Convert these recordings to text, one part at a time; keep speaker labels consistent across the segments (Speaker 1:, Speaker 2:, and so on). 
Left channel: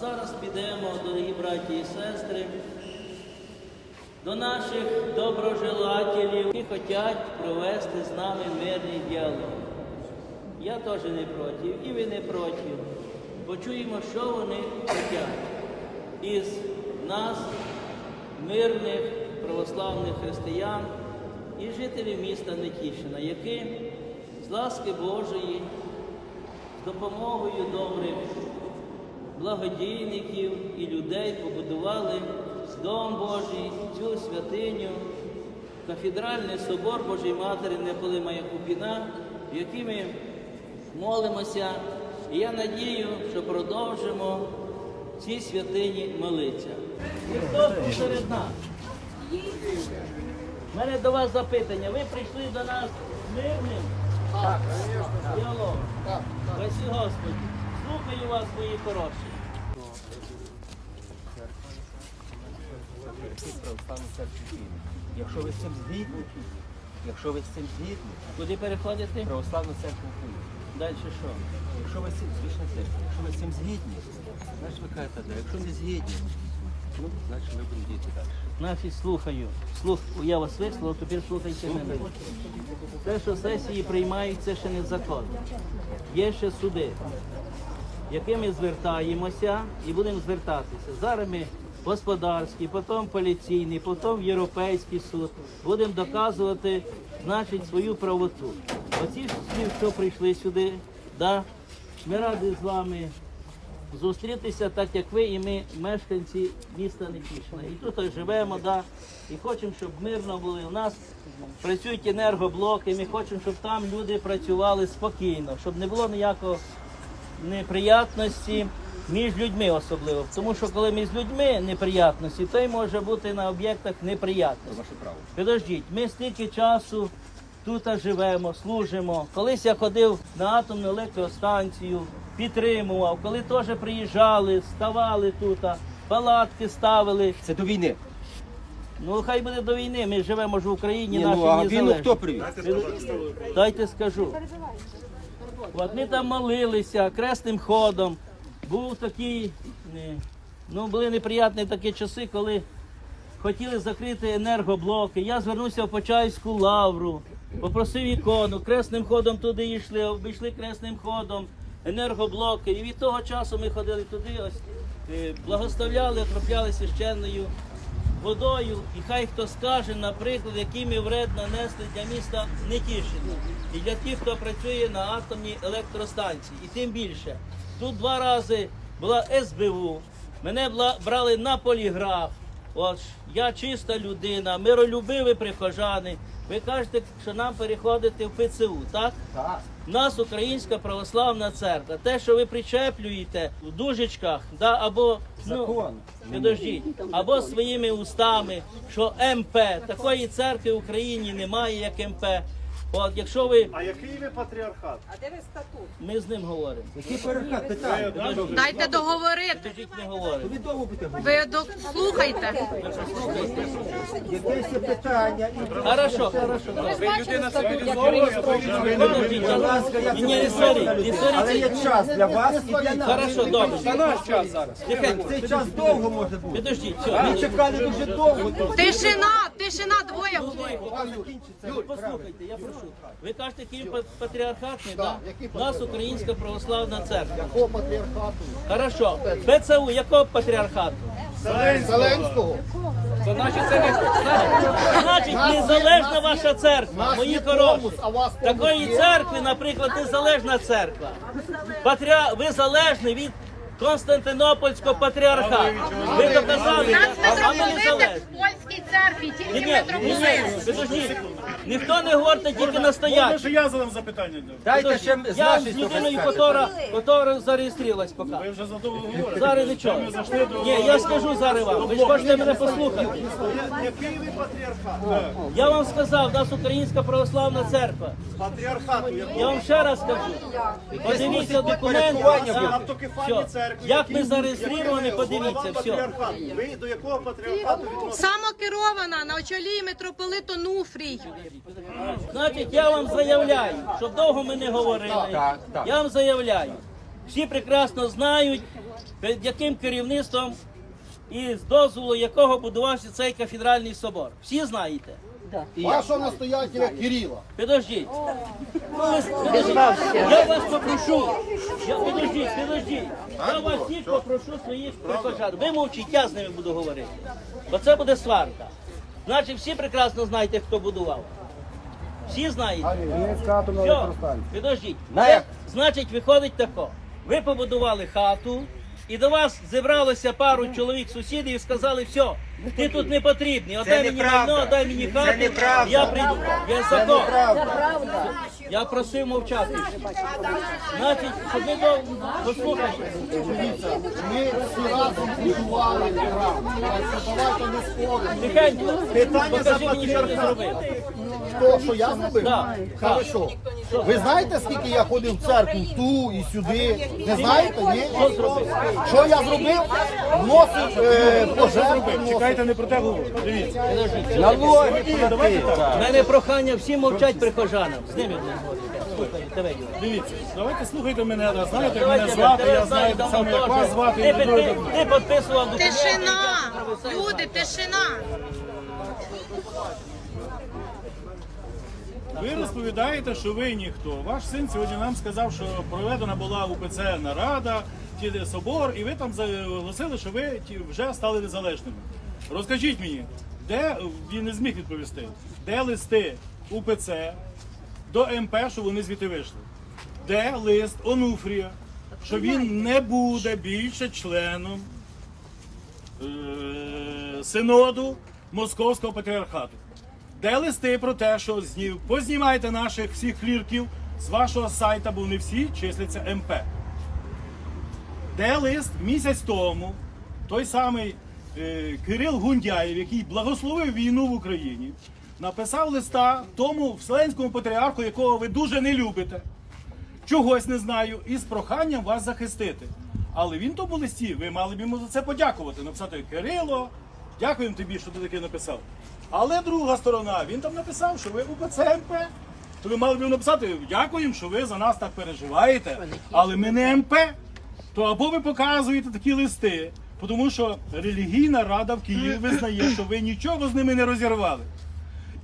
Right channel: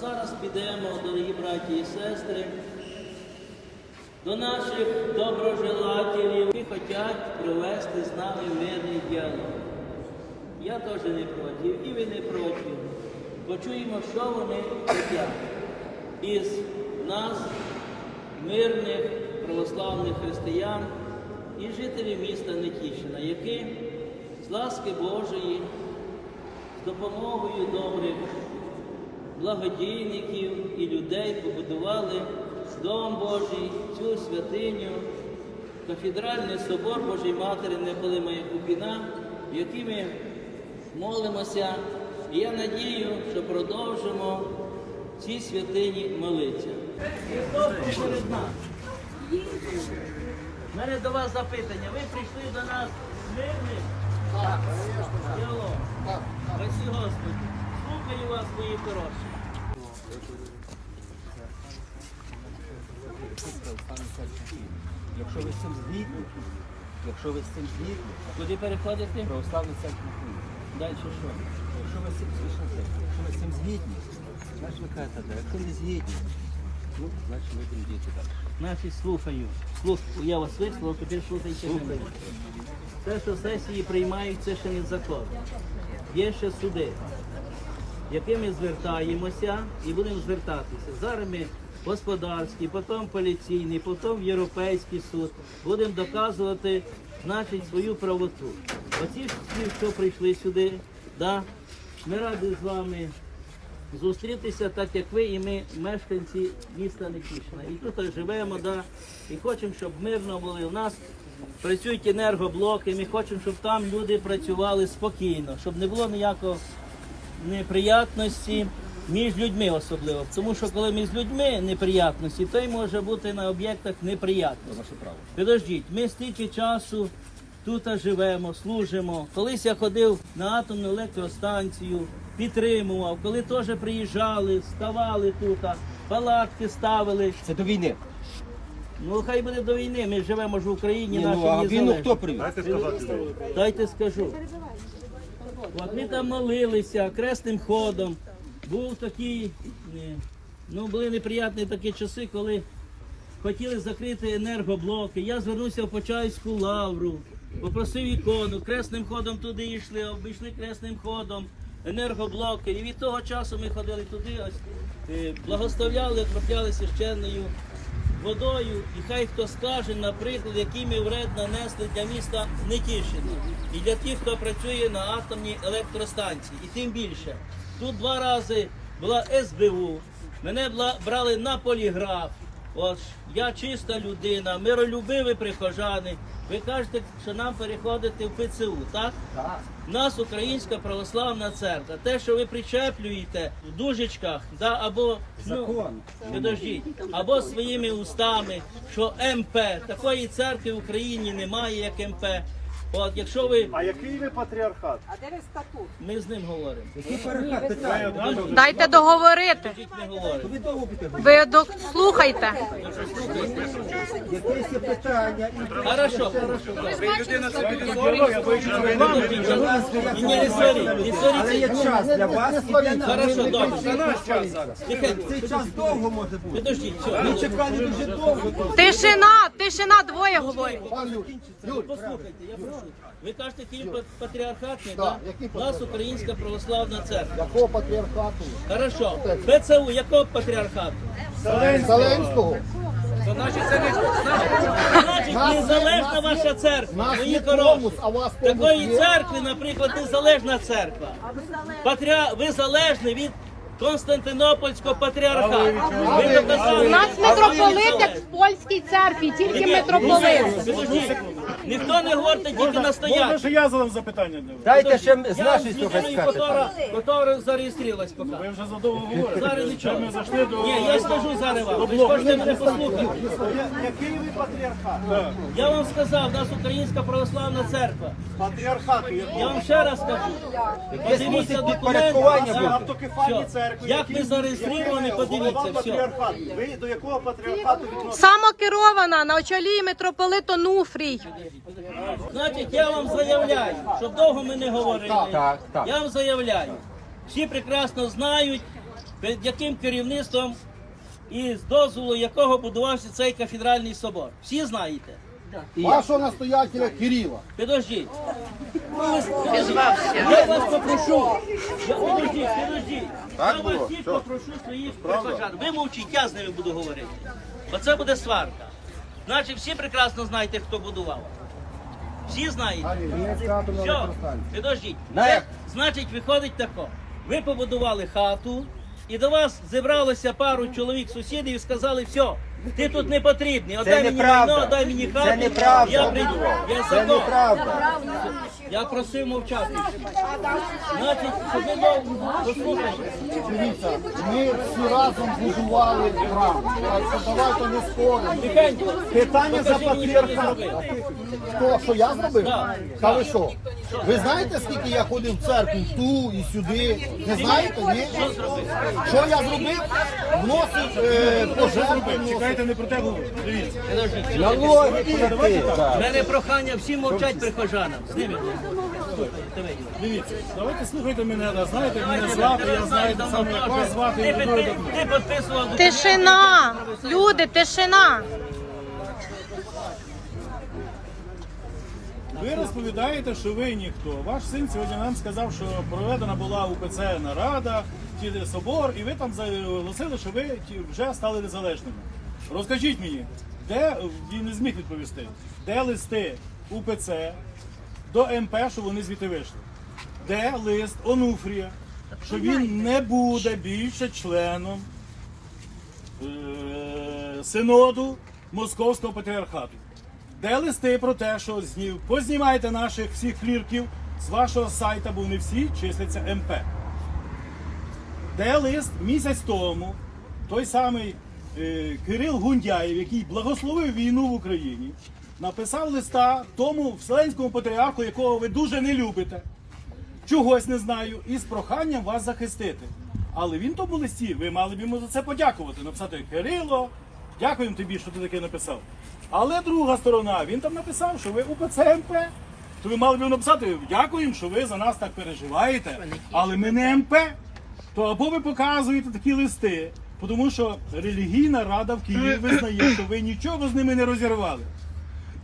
Speaker 1: зараз підемо, дорогі браті і сестри, до наших доброжелателів, які хочуть провести з нами мирний діалог. Я теж не проти, і ви не проти. Почуємо, що вони хочуть із нас, мирних православних християн і жителів міста Нетішина, які з ласки Божої, з допомогою добрих благодійників і людей побудували Дом Божий, цю святиню, кафедральний собор Божої Матері Неполимая Купіна, в який ми молимося. І я надію, що продовжимо цій святині молитися. Христос був нас. У мене до вас запитання. Ви прийшли до нас мирним? Так, звісно. Так, так. Господи.
Speaker 2: Якщо ви з цим згідні, якщо ви з цим згідні,
Speaker 1: Куди переходите?
Speaker 2: православну церкву Києва.
Speaker 1: Далі що?
Speaker 2: Якщо ви з цим церква, якщо ви з цим згідні, значить ви кажете, да. Якщо не згідні, ну, значить ми будемо діяти далі.
Speaker 1: Значить, слухаю. Слух, я вас вислухав, тепер слухайте мене. Те, що сесії приймають, це ще не закон. Є ще суди, якими звертаємося і будемо звертатися. Зараз ми господарський, потім поліційний, потім європейський суд. Будемо доказувати, значить, свою правоту. Оці всі, що прийшли сюди, да, ми раді з вами зустрітися, так як ви і ми, мешканці міста Нетішина. І тут живемо, да, і хочемо, щоб мирно були. У нас працюють енергоблоки, ми хочемо, щоб там люди працювали спокійно, щоб не було ніякого неприятності між людьми особливо. Тому що коли між людьми неприятності, то й може бути на об'єктах неприятності.
Speaker 2: Ваше право.
Speaker 1: Підождіть, ми стільки часу тут живемо, служимо. Колись я ходив на атомну електростанцію, підтримував, коли теж приїжджали, ставали тут, палатки ставили.
Speaker 2: Це до війни.
Speaker 1: Ну хай буде до війни, ми живемо ж в Україні,
Speaker 2: Ні,
Speaker 1: нашій
Speaker 2: ну а війну
Speaker 1: незалежній.
Speaker 2: хто привіз?
Speaker 1: Дайте скажу. Ми там молилися кресним ходом. Був такий, ну були неприятні такі часи, коли хотіли закрити енергоблоки. Я звернувся в Почаївську лавру, попросив ікону, кресним ходом туди йшли, обійшли кресним ходом енергоблоки. І від того часу ми ходили туди, ось е, благословляли, окропляли священною водою. І хай хто скаже, наприклад, який ми вред нанесли для міста Нетішина і для тих, хто працює на атомній електростанції. І тим більше. Тут два рази була СБУ, мене брали на поліграф. От я чиста людина, миролюбиві прихожани. Ви кажете, що нам переходити в ПЦУ, так?
Speaker 2: Так.
Speaker 1: Нас Українська православна церква. Те, що ви причеплюєте в дужечках, да, або. Ну, підождіть, або своїми устами, що МП такої церкви в Україні немає, як МП. От якщо ви
Speaker 3: А який ви патріархат?
Speaker 1: ми з ним говоримо.
Speaker 2: Які перехат? Питання.
Speaker 4: Дайте договорити.
Speaker 1: говоримо.
Speaker 2: Ви довго?
Speaker 4: Ви до... слухайте.
Speaker 1: Ви?
Speaker 2: Якесь є питання і
Speaker 1: Хорошо, хорошо, добре. Підождіть,
Speaker 2: Будь ласка, я
Speaker 1: ні, ні, не соріть, не
Speaker 2: Але є
Speaker 1: соріть.
Speaker 2: час для вас і для нас.
Speaker 1: Хорошо, добре. Тихенько,
Speaker 2: Цей час довго може бути.
Speaker 1: підождіть, все.
Speaker 2: Ми чекали дуже довго тут.
Speaker 4: Тишина, тишина, двоє говорять.
Speaker 1: Послухайте, я прошу. Ви кажете, па- патріархатний, так? У нас Українська православна церква.
Speaker 5: Якого патріархату?
Speaker 1: Хорошо. ПЦУ, якого патріархату?
Speaker 5: Зеленського.
Speaker 1: То значить, це не значить незалежна ваша церква, мої хороші. Такої церкви, наприклад, незалежна церква. Патріа... Ви залежні від Константинопольського патріархату. Ви доказали,
Speaker 4: У нас митрополит в польській церкві, тільки митрополит.
Speaker 1: підождіть. Ніхто не говорить, тільки настоять.
Speaker 3: що я задав запитання для вас?
Speaker 2: Дайте ще з
Speaker 1: Я з
Speaker 2: нашої
Speaker 1: людиною,
Speaker 2: сторони.
Speaker 1: котра, котра зареєструвалась поки.
Speaker 3: Ви вже задовго говорите.
Speaker 1: Зараз нічого.
Speaker 3: Ми зайшли до...
Speaker 1: Ні, я скажу зараз вам. Ви ж хочете мене послухати.
Speaker 3: Який ви патріархат?
Speaker 1: Я вам сказав, у нас Українська православна церква.
Speaker 3: Патріархату?
Speaker 1: Я вам ще раз скажу. Подивіться документи. Так.
Speaker 3: автокефальні
Speaker 1: Все.
Speaker 3: церкви.
Speaker 1: Як ми зареєстровані, подивіться, все.
Speaker 3: Ви до якого патріархату відноситесь?
Speaker 4: Самокерована на очолі митрополит Онуфрій.
Speaker 1: Значить, я вам заявляю, щоб довго ми не говорили. Я вам заявляю. Всі прекрасно знають під яким керівництвом і з дозволу якого будувався цей кафедральний собор. Всі знаєте?
Speaker 5: Вашого настоятеля Кирила.
Speaker 1: Підождіть. Я вас попрошу. Я, підождіть, підождіть. Я вас всіх попрошу своїх прихожан. Ви мовчіть, я з ними буду говорити. Оце буде сварка. Значить, всі прекрасно знаєте, хто будував. Всі знаєте? Все, підождіть.
Speaker 2: На?
Speaker 1: Значить, виходить тако. Ви побудували хату, і до вас зібралося пару чоловік сусідів і сказали, все, ти тут не потрібний, отдай мені майно, дай мені хату, я прийду. Я закон. Я просив мовчати. Значить, щоб ви дов- послухайте.
Speaker 5: Дивіться, ми всі разом будували програму. Так що Давайте не споримо.
Speaker 1: Тихенько,
Speaker 3: Питання за
Speaker 1: покажи мені, що ти
Speaker 3: патріархат.
Speaker 1: зробив.
Speaker 5: Хто, що я зробив?
Speaker 1: Так.
Speaker 5: Хорошо. Ви знаєте, скільки я ходив в церкву ту і сюди? Не знаєте, ні? Що я зробив? Вносив е, пожертви. вносив.
Speaker 3: Чекайте, не про те говорю. Дивіться.
Speaker 2: Налоги плати.
Speaker 1: У мене прохання всім мовчать прихожанам. З ними. Давай.
Speaker 3: Дивіться, давайте слухайте мене, да, знаєте, як мене звати, я знаю так само, як вас звати, і
Speaker 1: ти,
Speaker 3: дуже
Speaker 1: ти, ти підписував.
Speaker 4: Тишина! Люди, тишина!
Speaker 3: Ви розповідаєте, що ви ніхто. Ваш син сьогодні нам сказав, що проведена була УПЦ нарада, ті собор, і ви там заголосили, що ви вже стали незалежними. Розкажіть мені, де він не зміг відповісти, де листи УПЦ до МП, що вони звідти вийшли? Де лист Онуфрія, що він не буде більше членом е, синоду Московського патріархату. Де листи про те, що зні- познімайте наших всіх клірків з вашого сайта, бо вони всі числяться МП. Де лист місяць тому той самий е, Кирил Гундяєв, який благословив війну в Україні, написав листа тому вселенському патріарху, якого ви дуже не любите, чогось не знаю, і з проханням вас захистити. Але він тому листі, ви мали б йому за це подякувати. Написати Кирило, дякуємо тобі, що ти таке написав. Але друга сторона, він там написав, що ви УПЦ МП. То ви мали б написати, дякуємо, що ви за нас так переживаєте, але ми не МП. То або ви показуєте такі листи, тому що релігійна рада в Києві визнає, що ви нічого з ними не розірвали.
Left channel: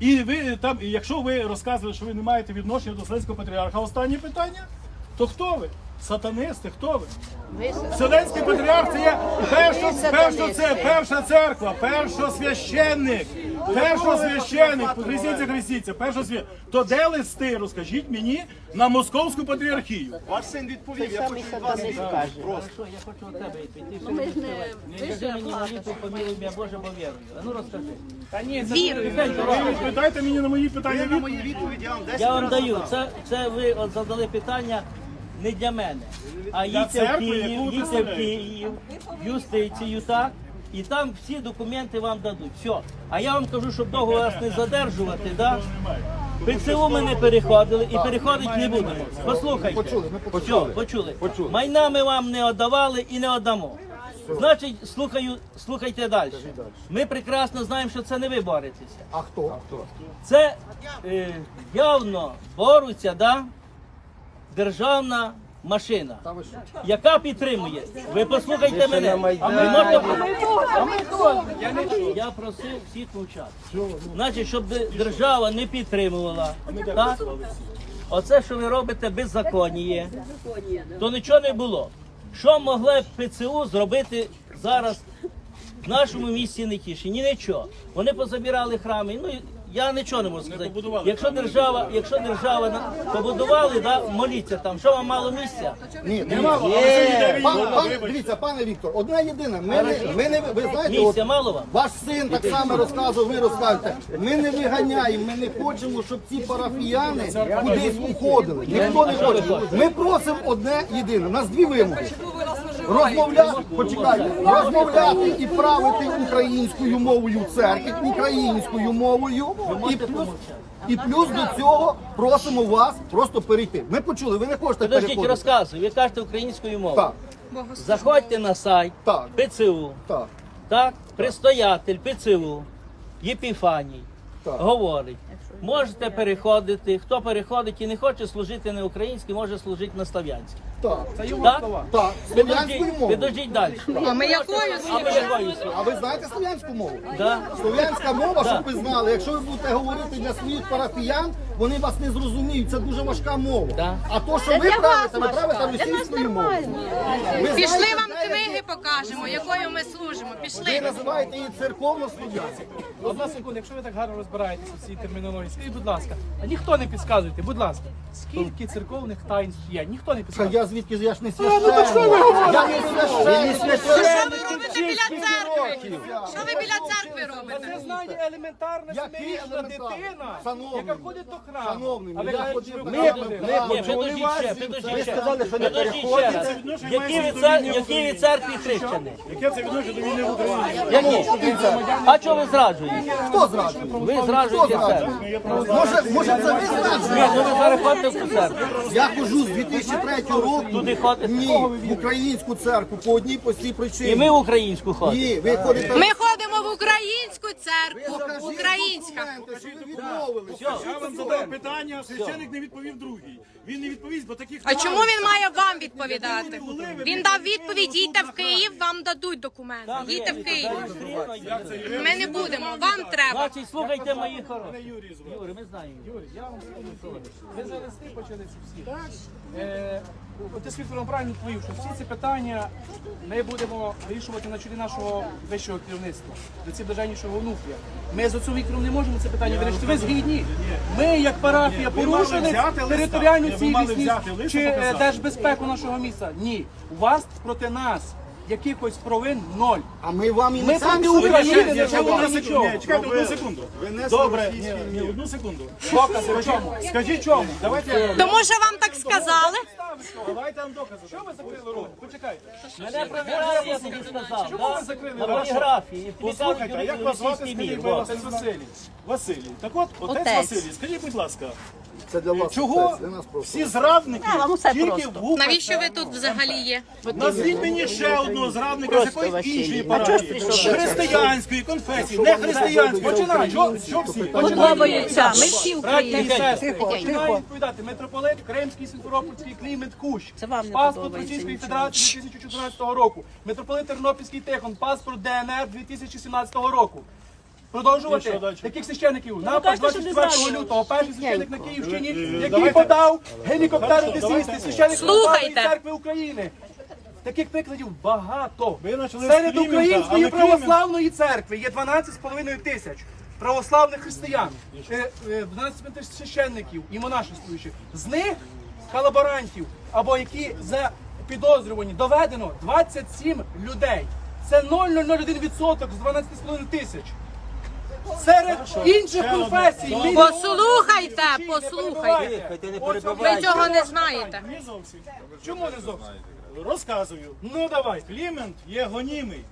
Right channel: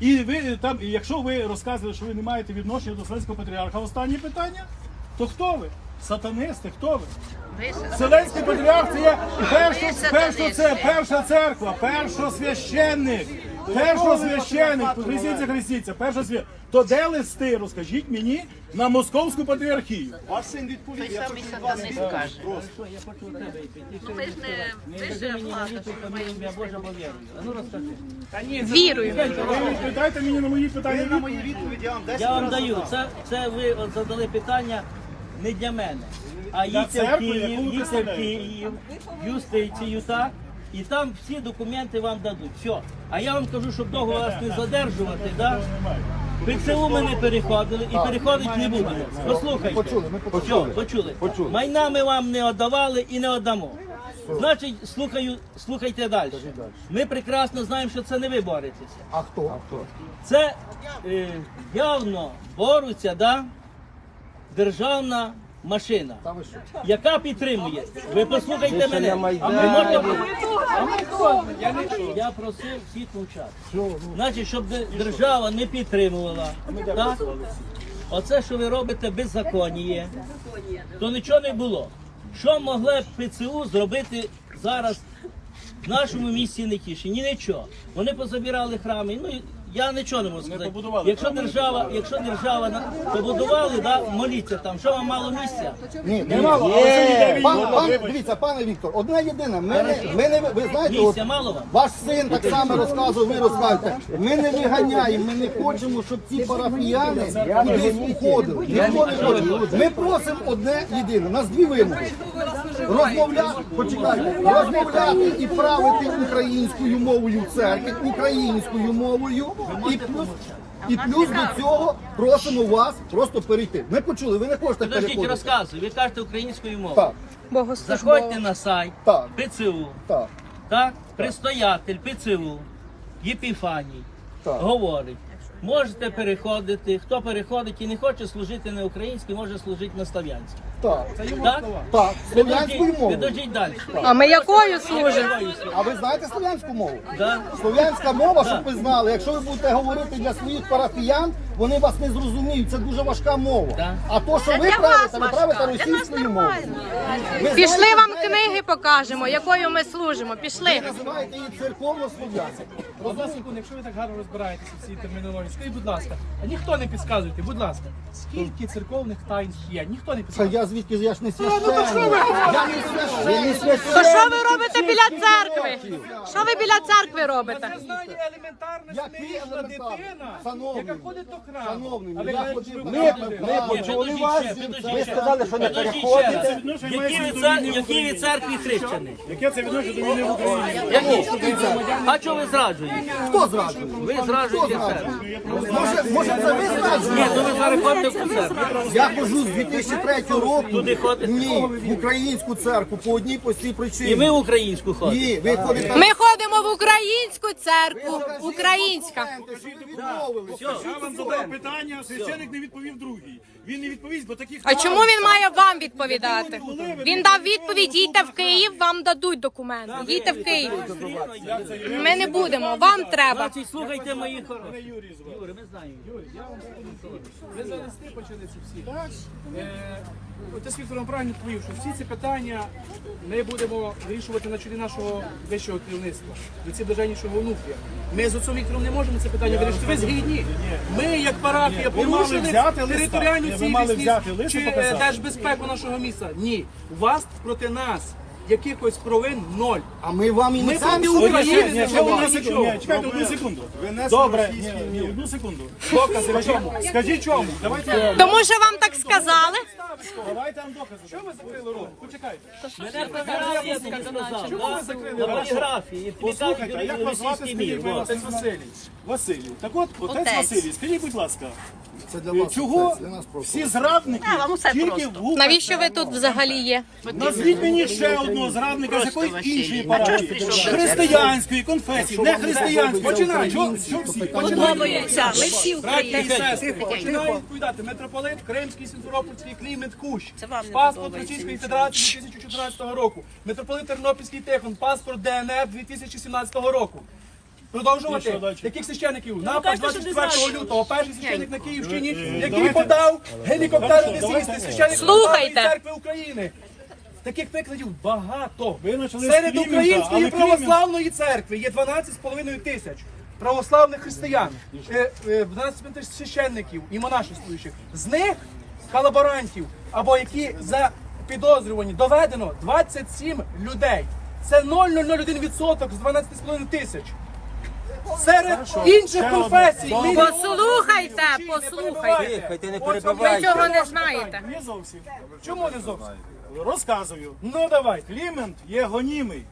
Speaker 3: І ви там, якщо ви розказували, що ви не маєте відношення до Вселенського патріарха, останнє питання, то хто ви? Сатанисти, хто ви? Вселенський патріарх це є першо, першо, це перша церква, першосвященник, першосвященник, хрестіться, хрестіться, першосвященник. То де листи, розкажіть мені, на московську патріархію? Ваш син відповів, я хочу від вас відповідь. Просто.
Speaker 1: Я хочу у тебе відповідь. Ти що не Не кажи мені молитву, помилуй мене, Боже, бо вірую. А ну розкажи.
Speaker 4: Вірую.
Speaker 3: Ви відповідайте мені на мої питання. відповідь.
Speaker 1: Я вам даю. Це, це ви от задали питання не для мене. А їдьте в Київ, їдьте в. Київ, юстицію, так? І там всі документи вам дадуть. Все. А я вам кажу, щоб довго вас не задержувати, так?
Speaker 3: Немає.
Speaker 1: ПЦУ ми не переходили і переходити не будемо. Послухайте.
Speaker 5: Почули, ми
Speaker 1: Почули. почули. Майна ми вам не віддавали і не віддамо. Значить, слухаю, слухайте далі. Ми прекрасно знаємо, що це не ви боретеся.
Speaker 5: А хто?
Speaker 1: Це е, явно борються, да? Державна машина, яка підтримує. Ви послухайте мене. Ви можете... А ми хто? Я, просив всіх мовчати. Значить, щоб держава не підтримувала. Так? Оце, що ви робите беззаконіє, то нічого не було. Що могло б ПЦУ зробити зараз в нашому місті Нетішині? Нічого. Вони позабирали храми. Ну, я нічого не можу сказати.
Speaker 3: побудували
Speaker 1: Якщо держава, якщо держава на- побудували, да, моліться там. Що вам мало місця?
Speaker 5: Ні,
Speaker 3: Немало, але сьогодні
Speaker 5: Пан, пан,
Speaker 3: вибачте.
Speaker 5: дивіться, пане Віктор, одна єдина. Ми не, ми не, ви знаєте, от,
Speaker 1: Місця мало вам?
Speaker 5: ваш син так само розказував, ви розказуєте. Ми не виганяємо, ми не хочемо, щоб ці парафіяни кудись уходили. Ніхто не хоче. Ми просимо одне єдине. У нас дві вимоги. Розмовляти, почекайте, розмовляти і правити українською мовою в церкві, українською мовою, і плюс, і плюс до цього просимо вас просто перейти. Ми почули, ви не хочете
Speaker 1: Подождіть,
Speaker 5: переходити.
Speaker 1: розказую. Ви кажете українською мовою.
Speaker 5: Так,
Speaker 1: Заходьте на сайт
Speaker 5: так,
Speaker 1: ПЦУ,
Speaker 5: так.
Speaker 1: так? Предстоятель ПЦУ, Єпіфаній,
Speaker 5: Так.
Speaker 1: говорить. Можете переходити. Хто переходить і не хоче служити на українській, може служити на слав'янській.
Speaker 5: Так.
Speaker 1: Так?
Speaker 5: Так, слов'янською
Speaker 1: Підождіть,
Speaker 5: мовою.
Speaker 1: підождіть далі.
Speaker 4: А ми якою служимо?
Speaker 5: А ви знаєте слов'янську мову?
Speaker 1: Да?
Speaker 5: Слов'янська мова, щоб ви знали, якщо ви будете говорити для своїх парафіян, вони вас не зрозуміють. Це дуже важка мова.
Speaker 1: Да.
Speaker 5: А то, що ви правите, ви правите російською мовою. Ви
Speaker 4: Пішли
Speaker 5: знаєте,
Speaker 4: вам
Speaker 5: знаєте,
Speaker 4: книги покажемо, якою ми служимо.
Speaker 5: Ви
Speaker 4: Пішли.
Speaker 5: називаєте її церковно слов'янською.
Speaker 6: Одна секунда, якщо ви так гарно розбираєтеся в цій термінології, скажіть, будь ласка, а ніхто не підказуйте, будь ласка, скільки церковних таїнств є? Ніхто не
Speaker 5: Що
Speaker 6: підказує.
Speaker 5: я звідки я ж не священник. Я не священник.
Speaker 4: То що ви робите біля церкви? Що ви біля церкви робите?
Speaker 6: Знання елементарне
Speaker 5: елементарний?
Speaker 6: дитина, яка ходить до.
Speaker 5: Шановний,
Speaker 6: А ви
Speaker 5: я
Speaker 6: ви.
Speaker 5: Ми почули вас. Ви сказали, що не переходите.
Speaker 1: Які ви цер- Які ви церкві хрещені?
Speaker 3: Яке це відношення до війни в Україні?
Speaker 1: А чого ви зраджуєте?
Speaker 5: Хто зраджує?
Speaker 1: Ви
Speaker 5: Хто
Speaker 1: зраджуєте
Speaker 5: зраджує? Може, може це ви зраджуєте?
Speaker 1: Ви зараз ходите в церкву.
Speaker 5: Я ходжу з 2003 року.
Speaker 1: Ходите?
Speaker 5: Ні, в українську церкву по одній простій
Speaker 1: І ми
Speaker 5: причині.
Speaker 1: в українську ходимо.
Speaker 5: Ні, ви ходите.
Speaker 4: Ми ходимо в українську церкву. Українська.
Speaker 5: Що ви відмовилися.
Speaker 3: Я вам питання, священик не відповів другий. Він не відповість, бо таких
Speaker 4: А чому він має вам відповідати? Він дав відповідь, їдьте в Київ, вам дадуть документи. Їдьте в Київ. Ми не будемо, вам треба.
Speaker 1: Значить, слухайте мої хороші. Юрій, ми знаємо.
Speaker 6: Ви за листи почали ці всі. Е, Отець Віктор вам правильно відповів, що всі ці питання ми будемо вирішувати на чолі нашого вищого керівництва, до ці блаженнішого онуфрія. Ми з отцом Віктором не можемо це питання вирішити. Ви згідні? Ми, як парафія, порушили
Speaker 3: взяти листа.
Speaker 6: територіальну
Speaker 3: ви мали взяти листа,
Speaker 6: чи е,
Speaker 3: показати.
Speaker 6: держбезпеку нашого міста. Ні. У вас проти нас якихось провин ноль.
Speaker 5: А ми вам і
Speaker 6: Ми
Speaker 5: не самі
Speaker 6: України
Speaker 5: України
Speaker 6: не живемо.
Speaker 3: Одну секунду,
Speaker 6: нічого.
Speaker 3: ні, чекайте одну секунду. Добре, ні, ні, одну секунду.
Speaker 6: Докази в чому?
Speaker 3: Скажіть чому? Давайте,
Speaker 4: Тому що вам так сказали.
Speaker 3: давайте вам докази.
Speaker 6: Що ви закрили рот? Почекайте. Чому ви закрили
Speaker 1: На
Speaker 6: рот?
Speaker 1: фотографії.
Speaker 3: Послухайте, а як вас звати, скажіть, будь ласка?
Speaker 6: Василій.
Speaker 3: Василій. Так от, отець Василій, скажіть, будь ласка,
Speaker 5: Це для вас.
Speaker 3: чого
Speaker 5: для нас просто.
Speaker 3: всі зрадники тільки в
Speaker 4: Навіщо ви тут взагалі є?
Speaker 3: Назвіть мені ще одного зрадника з якоїсь іншої парафії. Християнської, конфесії, не християнської. Починай. Що, що всі? Починай.
Speaker 6: Браті і сестри, починаю відповідати. Митрополит Кримський, Сімферопольський, Клімент Кущ. Паспорт Російської Федерації 2014 року. Митрополит Тернопільський Тихон. Паспорт ДНР 2017 року. Продовжувати? Яких священиків? Напад 24 лютого. Перший священик на Київщині, який подав гелікоптер Одесійський, священик церкви України. Таких прикладів багато. Серед української православної церкви є 12,5 тисяч православних християн, е, е, 12 тисяч священників і монашествуючих. З них колаборантів або які за підозрювані доведено 27 людей. Це 0,001% з 12,5 тисяч. Серед інших конфесій ми
Speaker 4: Послухайте,
Speaker 6: не
Speaker 4: послухайте. Ви цього не знаєте.
Speaker 3: Не зовсім.
Speaker 6: Чому не зовсім?
Speaker 3: Розказую.
Speaker 6: Ну давайте.
Speaker 3: Клімент є гонімий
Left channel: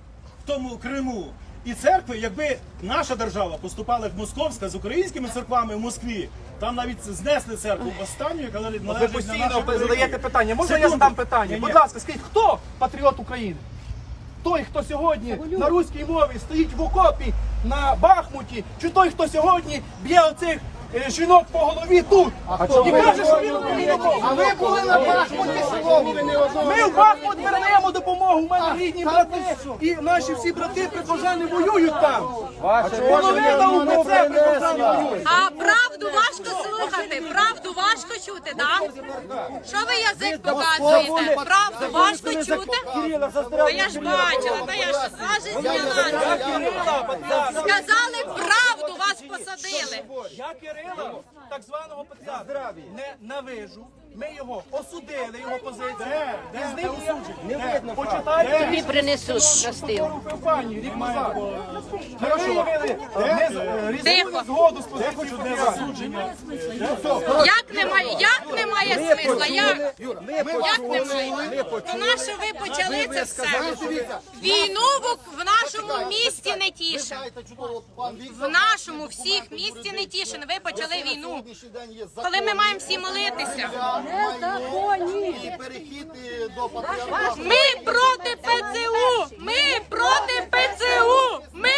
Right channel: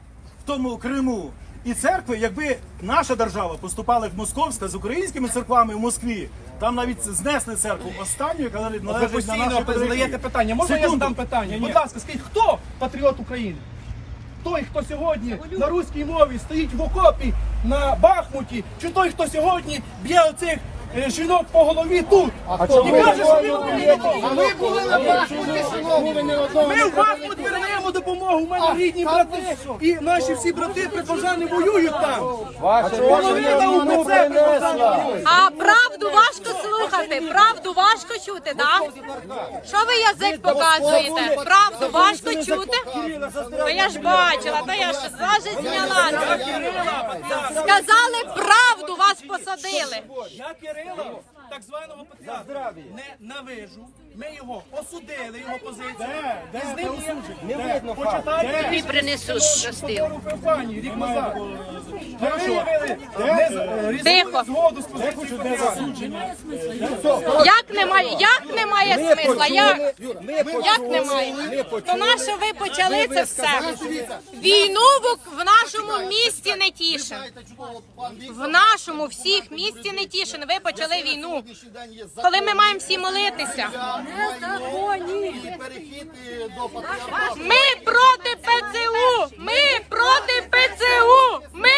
Speaker 3: в тому Криму. І церкви, якби наша держава поступала як московська з українськими церквами в Москві, там навіть знесли церкву останню, яка належить
Speaker 6: Ви
Speaker 3: на
Speaker 6: постійно
Speaker 3: нашій
Speaker 6: задаєте питання. Можна я задам питання?
Speaker 3: Ні,
Speaker 6: Будь ласка, скажіть, хто патріот України? Той, хто сьогодні на руській мові стоїть в окопі на Бахмуті, чи той, хто сьогодні б'є оцих жінок по голові тут і каже, що він україномовний.
Speaker 5: А ви були на Бахмуті ви не одного.
Speaker 6: Ми в Бахмут вернемо допомогу. У мене рідні брати і наші всі брати прихожани воюють там. Половина УПЦ прихожани воюють.
Speaker 4: А правду важко слухати, правду важко чути, так? Що ви язик показуєте? Правду важко чути? Та я ж бачила, та я ж це. Сказали правду, посадили.
Speaker 6: Я Кирила, так званого патріарха, не навижу. Ми його осудили, його позицію.
Speaker 3: Де? Де?
Speaker 6: З
Speaker 3: Де
Speaker 6: ним є-
Speaker 3: осудження?
Speaker 6: Не почитайте.
Speaker 3: Тобі
Speaker 6: принесуть щастило. рік назад. Ми виявили не е,
Speaker 4: Тихо.
Speaker 6: згоду з
Speaker 3: Я
Speaker 6: позицією
Speaker 3: хочу одне засудження.
Speaker 4: Як немає, як немає смисла? Як, як немає? То наше ви почали це все. Війну в, в нашому місті не
Speaker 5: Віктор,
Speaker 4: В нашому всіх місті не тішин. Ви почали війну. Коли ми маємо всі молитися
Speaker 5: і перехід. Ми проти ПЦУ!
Speaker 4: Ми проти ПЦУ! Ми